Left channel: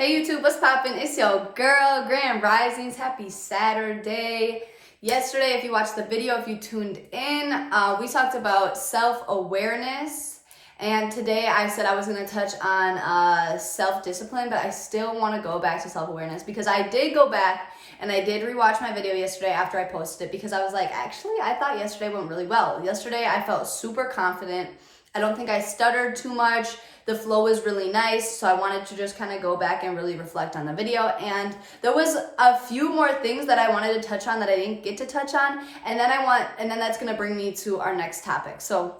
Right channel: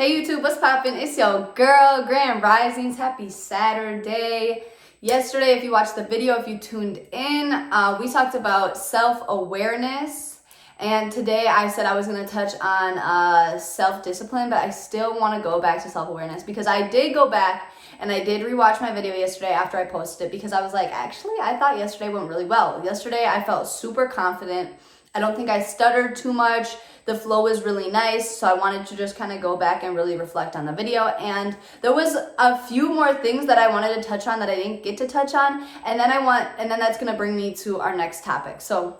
Hey YouTube, what's poppin'? It's your girl, Grand Risings. Happy Saturday. Yesterday, if you watched the video, if you tuned in, we talked about self-awareness. And today I said I was going to touch on self-discipline, but I still want to go back to self-awareness because I did go back and I did rewatch my video yesterday after I posted it because I was like, actually, I thought yesterday went really well. Yesterday, I felt super confident. I don't think I stuttered too much. The flow was really nice, so I wanted to just kind of go back and really reflect on the video. And there was a few more things that I wanted to touch on that I didn't get to touch on, and then that's gonna bring me to our next topic. So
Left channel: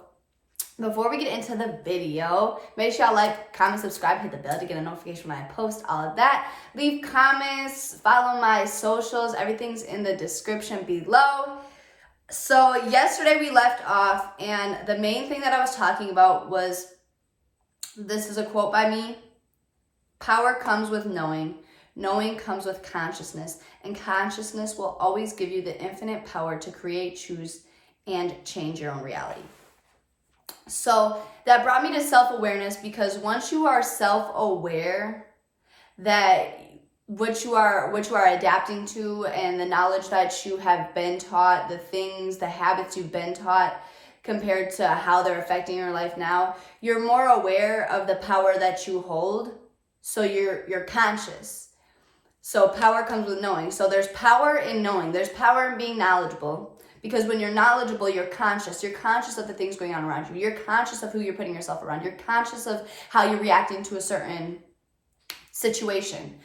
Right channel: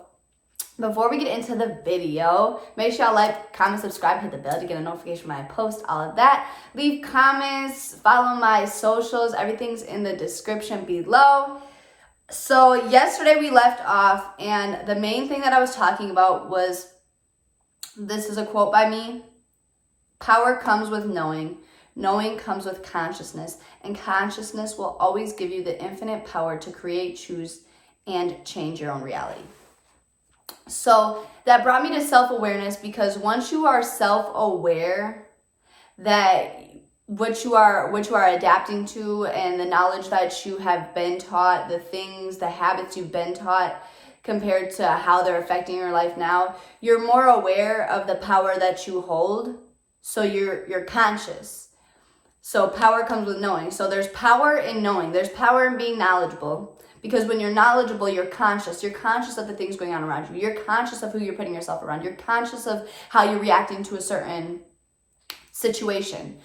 before we get into the video, make sure y'all like, comment, subscribe, hit the bell to get a notification when I post, all of that. Leave comments, follow my socials, everything's in the description below. So yesterday we left off, and the main thing that I was talking about was, this is a quote by me: power comes with knowing, knowing comes with consciousness, and consciousness will always give you the infinite power to create, choose, and change your own reality. So that brought me to self-awareness, because once you are self-aware that what you are adapting to and the knowledge that you have been taught, the things, the habits you've been taught, compared to how they're affecting your life now, you're more aware of the power that you hold. So you're conscious. So power comes with knowing. So there's power in knowing. There's power in being knowledgeable. Because when you're knowledgeable, you're conscious. You're conscious of the things going on around you. You're conscious of who you're putting yourself around. You're conscious of how you're reacting to a certain situation.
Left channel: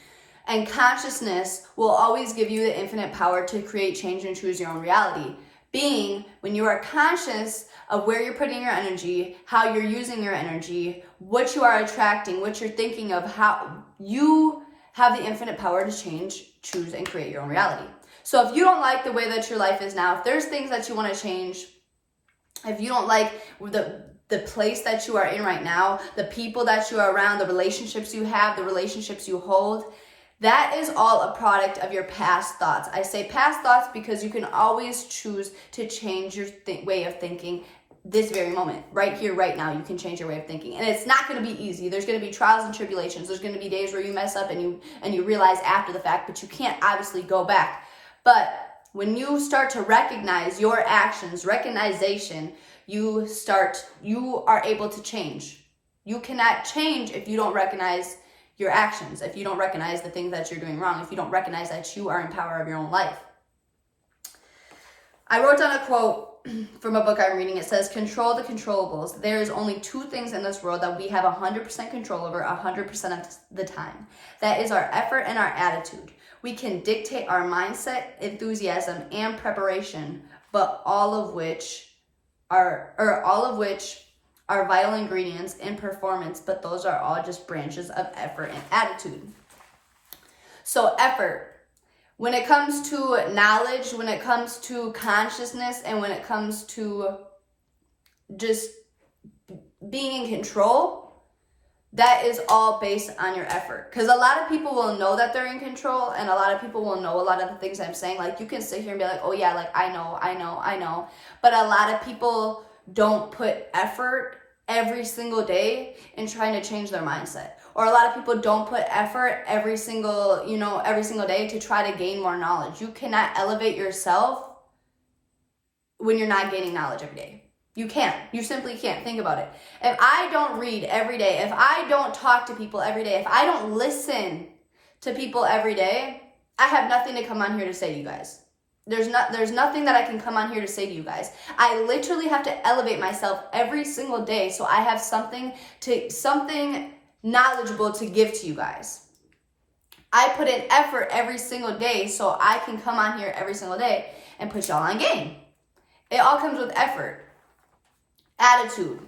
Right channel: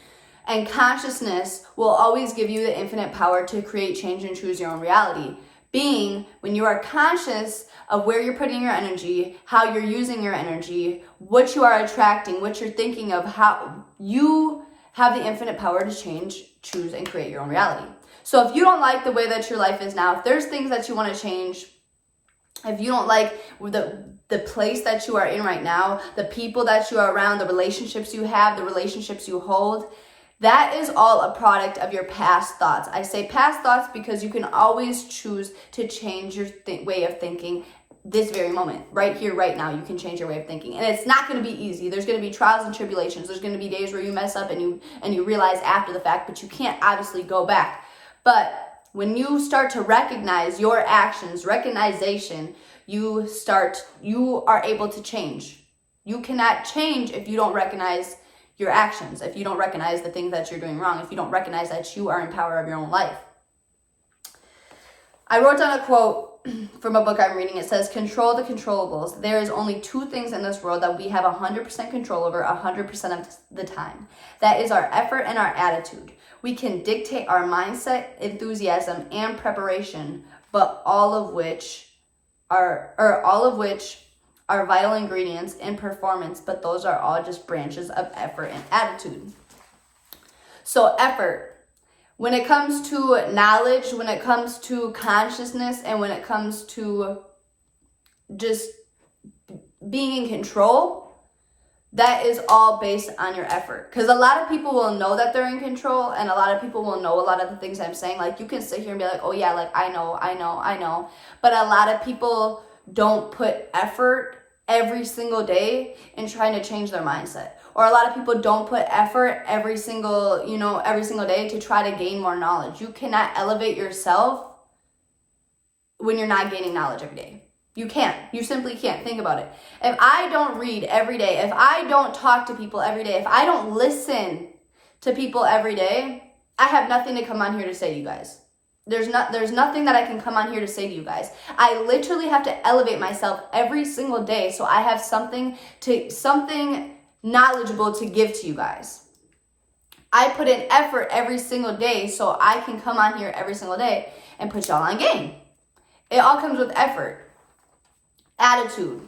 And consciousness will always give you the infinite power to create, change, and choose your own reality. Being when you are conscious of where you're putting your energy, how you're using your energy, what you are attracting, what you're thinking of, how you have the infinite power to change, choose, and create your own reality. So if you don't like the way that your life is now, if there's things that you want to change, if you don't like the place that you are in right now, the people that you are around, the relationships you have, the relationships you hold, that is all a product of your past thoughts. I say past thoughts because you can always choose to change your way of thinking this very moment. Right here, right now, you can change your way of thinking. And it's not going to be easy. There's going to be trials and tribulations. There's going to be days where you mess up and you realize after the fact, but you can't obviously go back. But when you start to recognize your actions, recognition, you are able to change. You cannot change if you don't recognize your actions, if you don't recognize the things that you're doing wrong, if you don't recognize that you are in power of your own life. I wrote down a quote from a book I'm reading. It says, "Control the controllables. There is only two things in this world that we have 100% control over 100% of the time. That is our effort and our attitude. We can dictate our mindset, enthusiasm, and preparation, but all of which are vital ingredients in performance, but those are all just branches of effort and attitude." So effort, when it comes to knowledge, when it comes to consciousness, and when it comes to just being in control, that is all based on your effort. Because a lot of people will know that they're in control, and a lot of people will know a lot of the things I'm saying. Like, you can sit here and be like, oh yeah, like I know. But a lot of people don't put effort every single day in trying to change their mindset. Or a lot of people don't put effort every single day to try to gain more knowledge. You cannot elevate yourself when you're not gaining knowledge every day. You can't. You simply can't. Think about it. If I don't read every day, if I don't talk to people every day, if I don't listen to people every day, I have nothing to come on here to say to you guys. There's nothing that I can come on here to say to you guys. I literally have to elevate myself every single day so I have something knowledgeable to give to you guys. I put in effort every single day so I can come on here every single day and put y'all on game. It all comes with effort. Attitude.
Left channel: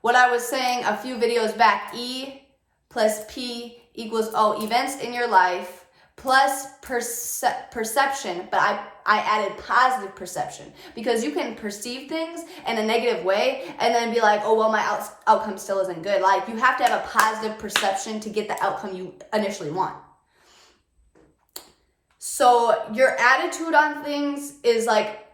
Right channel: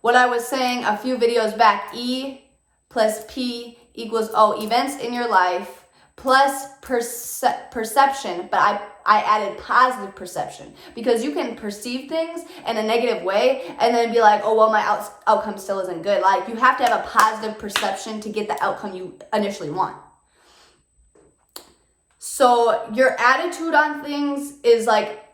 What I was saying a few videos back, E plus P equals O. Events in your life plus perception, but I added positive perception, because you can perceive things in a negative way and then be like, oh, well, my outcome still isn't good. Like, you have to have a positive perception to get the outcome you initially want. So your attitude on things is like,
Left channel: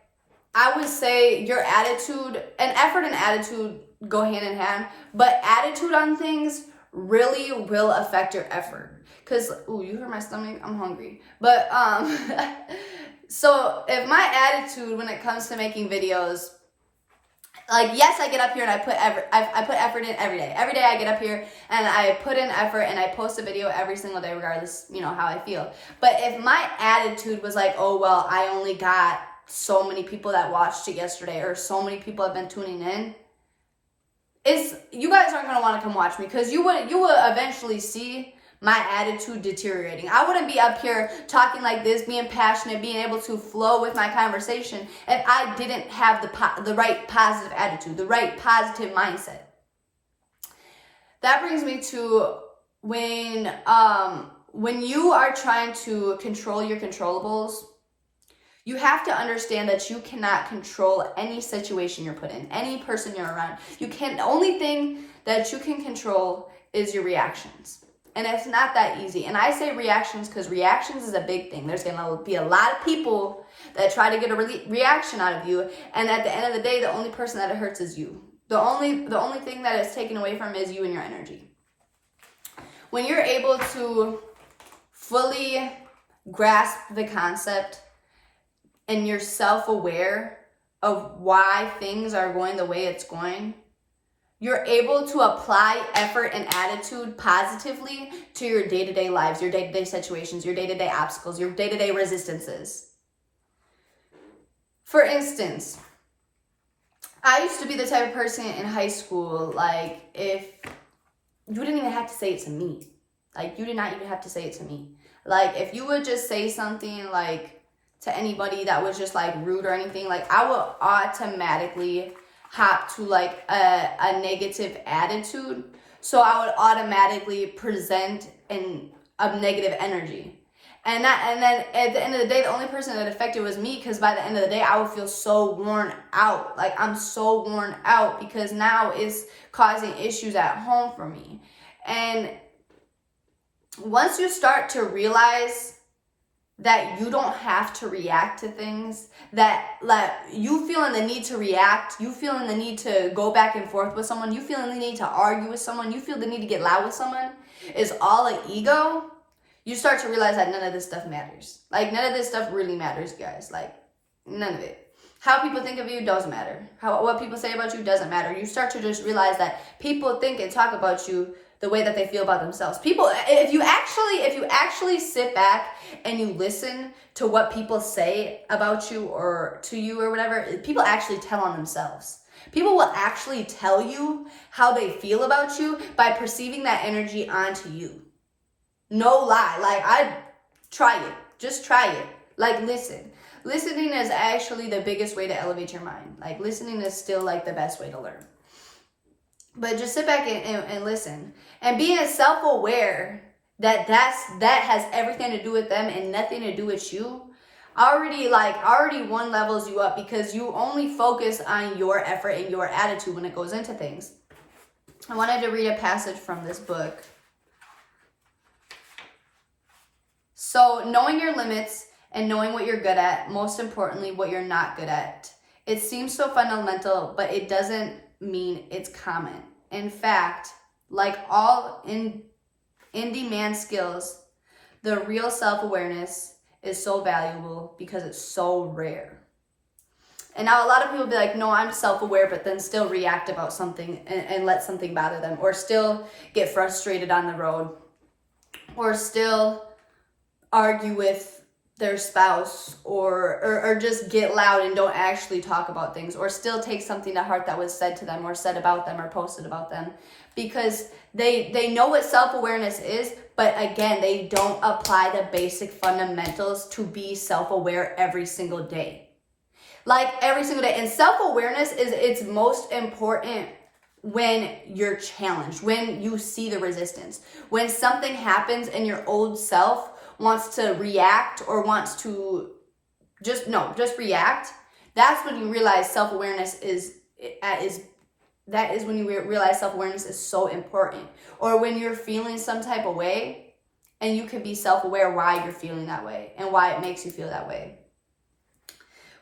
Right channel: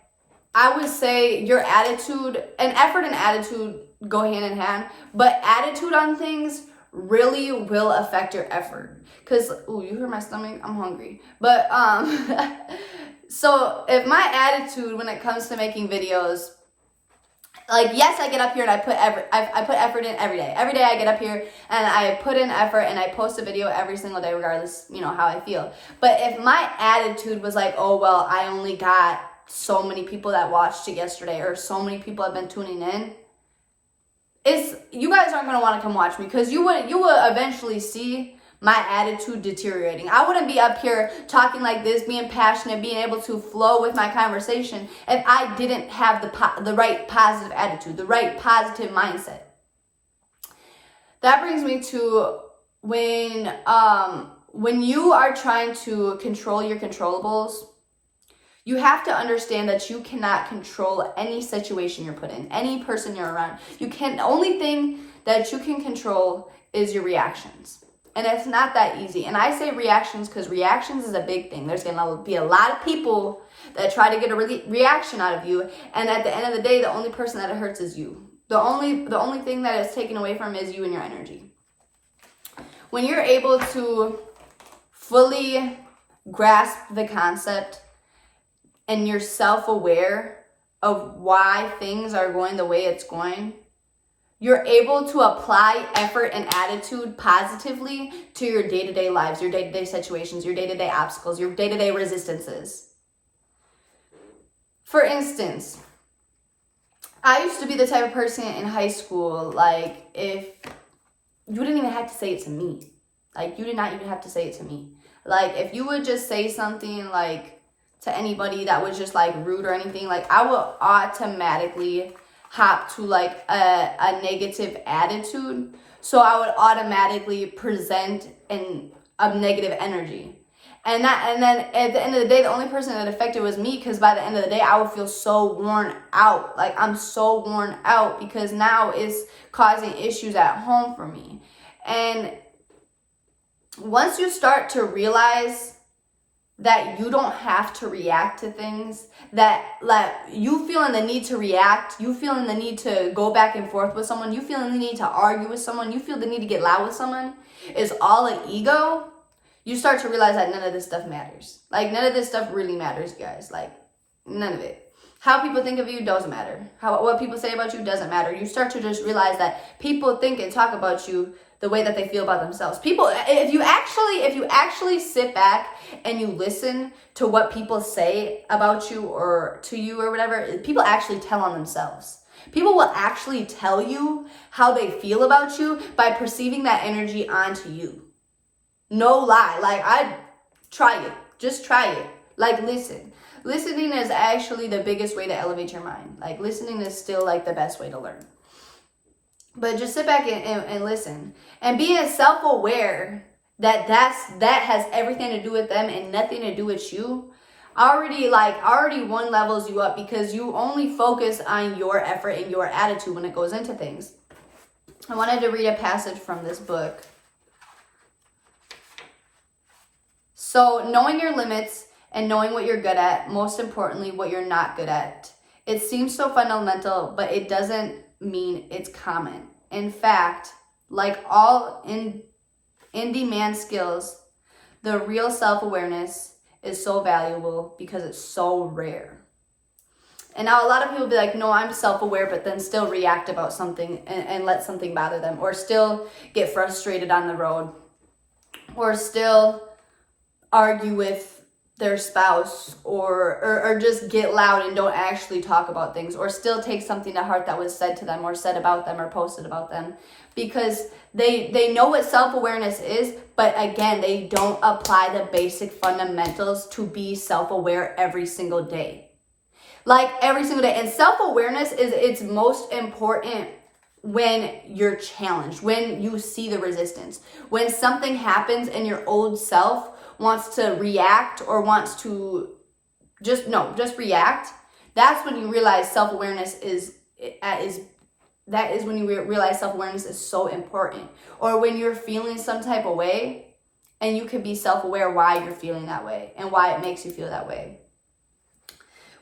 I would say your attitude, and effort and attitude go hand in hand, but attitude on things really will affect your effort. Because, ooh, you heard my stomach? I'm hungry. But, so if my attitude when it comes to making videos, like, yes, I get up here and I put effort in every day. Every day I get up here and I put in effort and I post a video every single day, regardless, you know, how I feel. But if my attitude was like, oh, well, I only got so many people that watched it yesterday, or so many people have been tuning in, you guys aren't going to want to come watch me, because you would eventually see my attitude deteriorating. I wouldn't be up here talking like this, being passionate, being able to flow with my conversation if I didn't have the right positive attitude, the right positive mindset. That brings me to when you are trying to control your controllables, you have to understand that you cannot control any situation you're put in, any person you're around. The only thing that you can control is your reactions. And it's not that easy. And I say reactions because reactions is a big thing. There's going to be a lot of people that try to get a reaction out of you. And at the end of the day, the only person that it hurts is you. The only thing that is taken away from is you and your energy. When you're able to fully grasp the concept and you're self-aware of why things are going the way it's going, you're able to apply effort and attitude positively to your day-to-day lives, your day-to-day situations, your day-to-day obstacles, your day-to-day resistances. For instance, I used to be the type of person in high school, like, if you didn't even have to say it to me. Like, you did not even have to say it to me. Like, if you would just say something, like, to anybody that was just, like, rude or anything, like, I would automatically hop to, like, a negative attitude. So I would automatically present a negative energy. And then at the end of the day, the only person that affected was me, because by the end of the day, I would feel so worn out. Like, I'm so worn out because now it's causing issues at home for me. And once you start to realize that you don't have to react to things, that, like, you feeling the need to react, you feeling the need to go back and forth with someone, you feeling the need to argue with someone, you feel the need to get loud with someone, is all an ego, you start to realize that none of this stuff matters. Like, none of this stuff really matters, guys. Like, none of it. How people think of you doesn't matter. What people say about you doesn't matter. You start to just realize that people think and talk about you the way that they feel about themselves. People, if you actually sit back and you listen to what people say about you or to you or whatever, people actually tell on themselves. People will actually tell you how they feel about you by perceiving that energy onto you. No lie. Like, try it. Just try it. Like, listen. Listening is actually the biggest way to elevate your mind. Like, listening is still, like, the best way to learn. But just sit back and listen. And being self-aware that has everything to do with them and nothing to do with you, already one levels you up, because you only focus on your effort and your attitude when it goes into things. I wanted to read a passage from this book. So, knowing your limits and knowing what you're good at, most importantly, what you're not good at. It seems so fundamental, but it doesn't mean it's common. In fact, like all in-demand skills, the real self-awareness is so valuable because it's so rare. And now a lot of people be like, no, I'm self-aware, but then still react about something and let something bother them, or still get frustrated on the road, or still argue with their spouse, or just get loud and don't actually talk about things, or still take something to heart that was said to them or said about them or posted about them, because they know what self-awareness is, but again, they don't apply the basic fundamentals to be self-aware every single day. Like, every single day. And self-awareness is its most important when you're challenged, when you see the resistance, when something happens and your old self wants to react or wants to just react. That's when you realize self-awareness is when you realize self-awareness is so important. Or when you're feeling some type of way and you can be self-aware why you're feeling that way and why it makes you feel that way.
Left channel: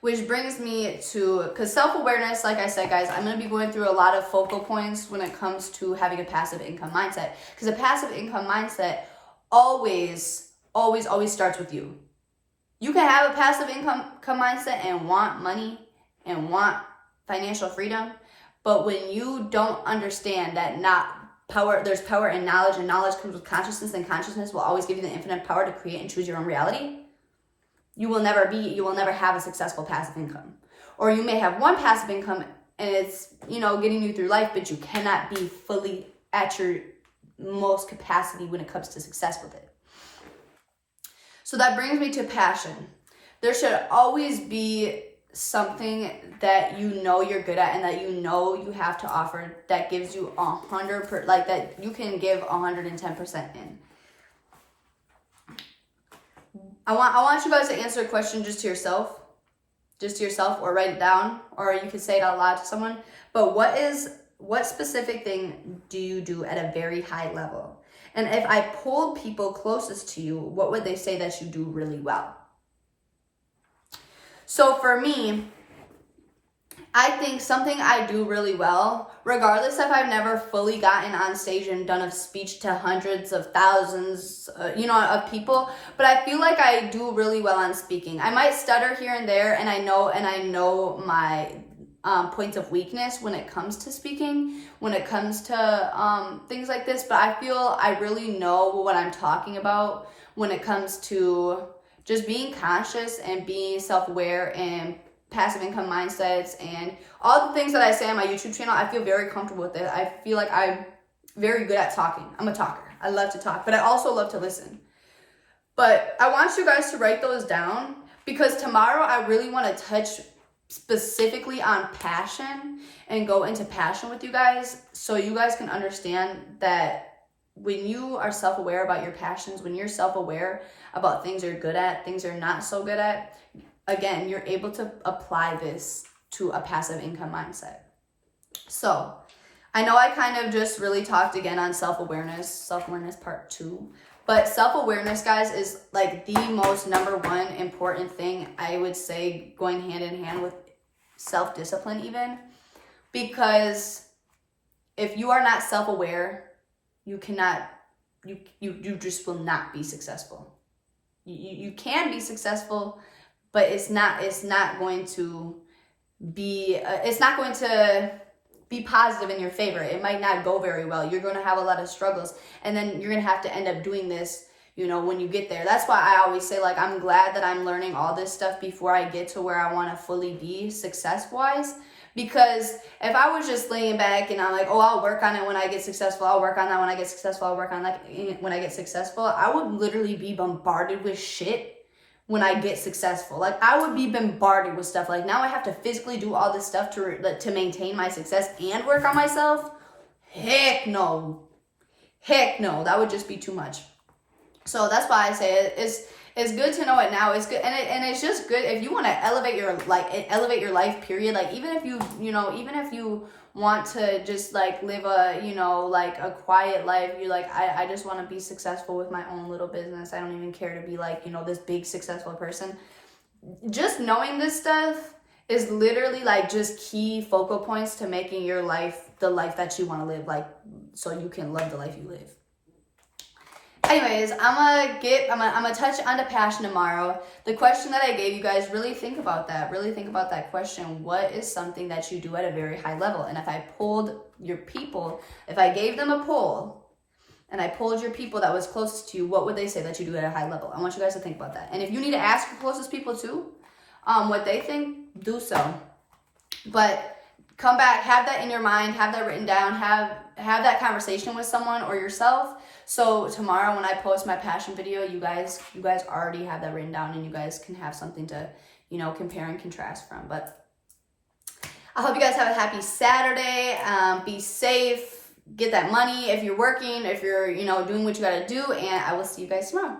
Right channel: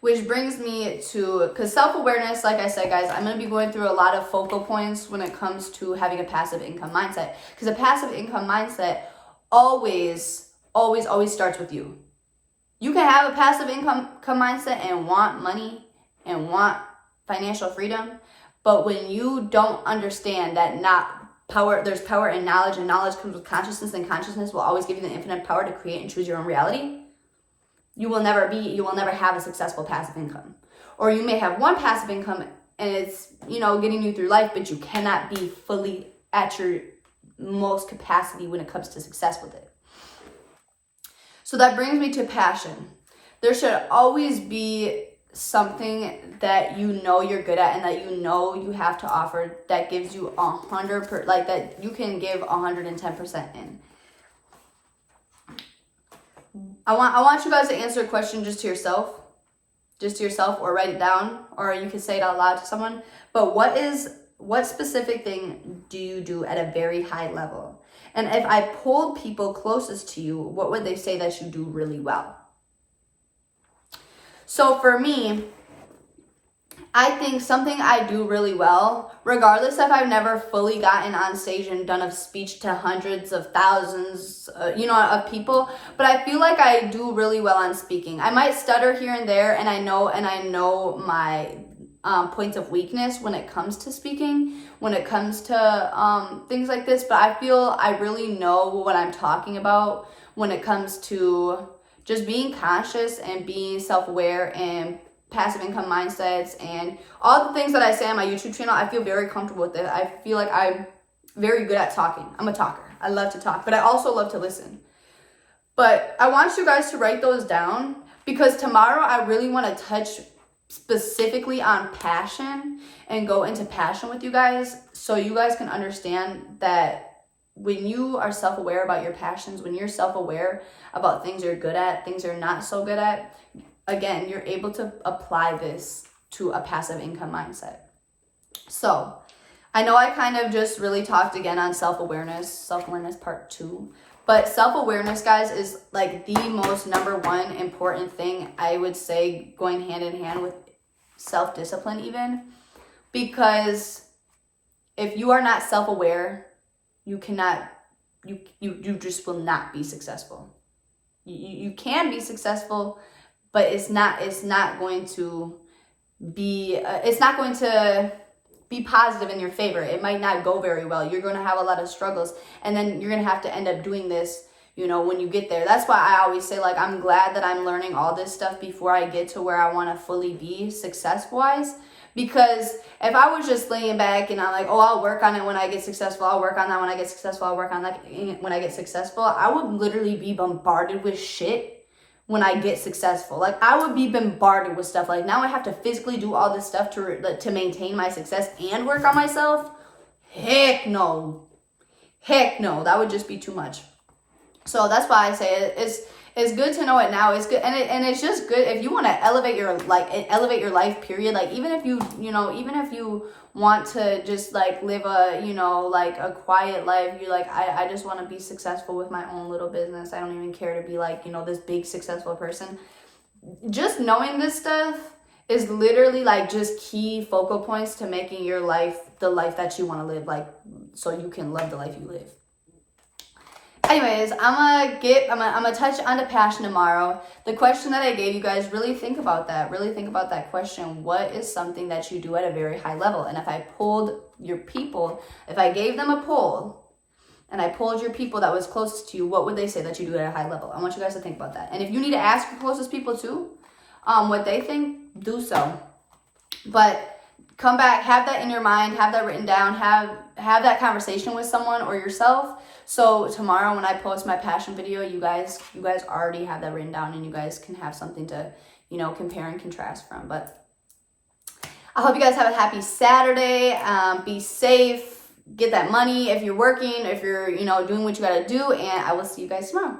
Which brings me to, because self-awareness, like I said, guys, I'm going to be going through a lot of focal points when it comes to having a passive income mindset. Because a passive income mindset always starts with you. You can have a passive income mindset and want money and want financial freedom, but when you don't understand that there's power in knowledge, and knowledge comes with consciousness, and consciousness will always give you the infinite power to create and choose your own reality, you will never have a successful passive income. Or you may have one passive income and it's, getting you through life, but you cannot be fully at your most capacity when it comes to success with it. So that brings me to passion. There should always be something that you're good at and that you have to offer that gives you 100%, like that you can give 110% in. I want you guys to answer a question just to yourself, or write it down, or you can say it out loud to someone. But what specific thing do you do at a very high level? And if I polled people closest to you, what would they say that you do really well? So for me, I think something I do really well, regardless if I've never fully gotten on stage and done a speech to hundreds of thousands, of people, but I feel like I do really well on speaking. I might stutter here and there, and I know my points of weakness when it comes to speaking, when it comes to things like this, but I feel I really know what I'm talking about when it comes to just being conscious and being self-aware and passive income mindsets and all the things that I say on my YouTube channel. I feel very comfortable with it. I feel like I'm very good at talking. I'm a talker. I love to talk, but I also love to listen. But I want you guys to write those down, because tomorrow I really want to touch specifically on passion and go into passion with you guys, so you guys can understand that when you are self-aware about your passions, when you're self-aware about things you're good at, things you're not so good at, again, you're able to apply this to a passive income mindset. So I know I kind of just really talked again on self-awareness part 2, but self-awareness, guys, is like the most number one important thing, I would say, going hand in hand with self-discipline even, because if you are not self-aware, you just will not be successful. You can be successful, but it's not going to be positive in your favor. It might not go very well. You're going to have a lot of struggles, and then you're going to have to end up doing this, when you get there. That's why I always say, like, I'm glad that I'm learning all this stuff before I get to where I want to fully be success-wise. Because if I was just laying back and I'm like, oh, I'll work on it when I get successful, I'll work on that when I get successful, I'll work on that when I get successful, I would literally be bombarded with shit when I get successful. Like, I would be bombarded with stuff. Like, now I have to physically do all this stuff to maintain my success and work on myself. Heck no. That would just be too much. So that's why I say it's good to know it now. It's good, and it's just good if you want to elevate your life. Period. Like, even if you want to just like live a quiet life, you're like, I just want to be successful with my own little business. I don't even care to be like, this big successful person. Just knowing this stuff is literally like just key focal points to making your life the life that you want to live, like, so you can love the life you live. Anyways, I'm gonna touch on the passion tomorrow. The question that I gave you guys, really think about that. Really think about that question. What is something that you do at a very high level? And if I polled your people, if I gave them a poll and I polled your people that was closest to you, what would they say that you do at a high level? I want you guys to think about that. And if you need to ask your closest people too, what they think, do so. But come back, have that in your mind, have that written down, have that conversation with someone or yourself. So tomorrow when I post my passion video, you guys already have that written down, and you guys can have something to, compare and contrast from. But I hope you guys have a happy Saturday. Be safe, get that money if you're working, if you're, doing what you got to do, and I will see you guys tomorrow.